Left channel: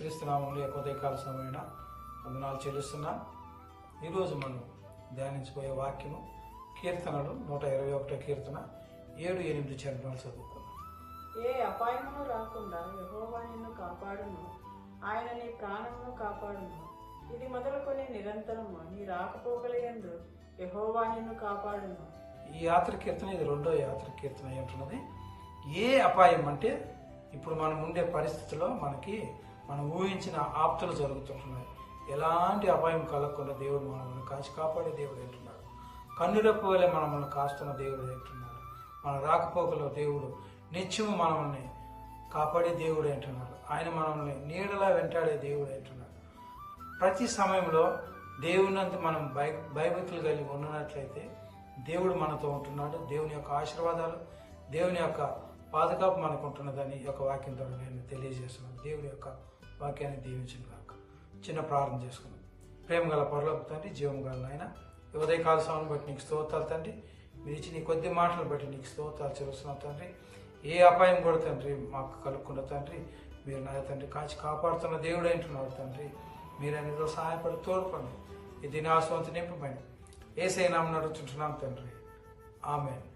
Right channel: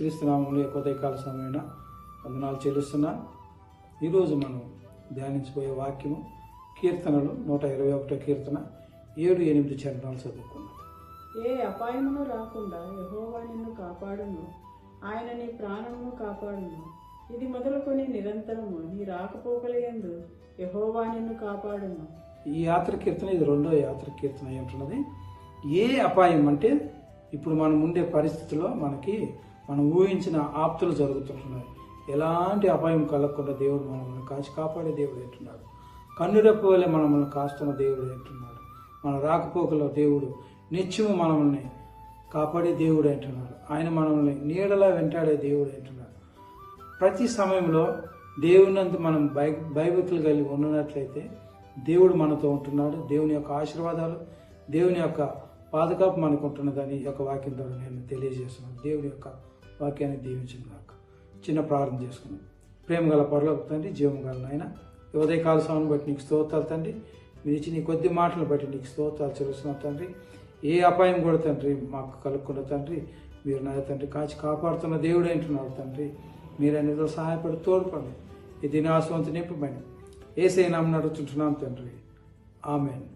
యేసుక్రీస్తు నామములో ఉదయకాల సమయన వందనాలు చెల్లిస్తున్నా. ఈరోజు మనం ధ్యానించబోయే వాక్యము కీర్తనలు 121 కీర్తన 7-8 చరణాలు చదువుకున్నాం. ఏ అపాయమును రాకుండా యెహోవా నిన్ను కాపాడును, ఆయన నీ ప్రాణమును కాపాడును. ఇది మొదలుకొని నిరంతరము నీ రాకపోకలయందు యెహోవా నిన్ను కాపాడును. ఈ యాత్ర కీర్తన, ఇది రెండో యాత్ర కీర్తన ఏంటున్నది. ఏ అపాయం అంటే ఇప్పుడు మనం ఉండే పరిస్థితుల్లో మనం ఊహించిన ఆప్తులు జరుగుతుంటున్నాయి. ఎలాంటి అపాయం కలగకుండా దేవుడు మనల్ని కాచి కాపాడే దేవుడు అంటున్నాడు. కన్నురెప్ప వలె మనల్ని కాస్తున్న దేవుడు అంటున్నాడు. మన రాకపోకలో దేవుడు నిత్యము మనల్ని కాపాడే దేవుడు అంటున్నాడు. ఆయన మనల్ని నీడలా వెంటాడే దేవుడు అంటున్నాడు. ప్రతి సమయంలో దేవునంత మనం భయభక్తులు కలిగి ఉన్నట్లయితే దేవుడు మనతో ఉంటున్నాడు. దేవుని యొక్క ఆశీర్వాదాలు, దేవుని యొక్క పాదుకాపు మనకు ఉంటున్నదని ఈ యొక్క వాక్యం ద్వారా నేను తెలియజేస్తున్నాను. దేవుడి యొక్క వాక్యాన్ని దీవించిన చిన్న ప్రార్థన చేసుకున్నాను. ప్రేమ గల పరలోక తండ్రి, జీవం గల నాయన, ఉదయకాల సమయం బట్టి నీకు స్తోత్రాలు తండ్రి. మీరు ఇచ్చి నీ కొద్ది మాటలు బట్టి నీకు స్తోత్రాలు చెల్లిస్తున్నాం తండ్రి. ఏ అపాయం కూడా తండ్రి మాకు కలుక్కున్న తండ్రి, మీరు నా తండ్రి కాచి కాపాడుతున్న దేవుడు అంటున్నారు తండ్రి. మీరు అనేదో సహాయపడి తోడ్పండి. ఈ దినాశవంతి నింపమని యేసయ్య నామమున అడుగుచుంటున్నాం తండ్రి. ఆమేన్.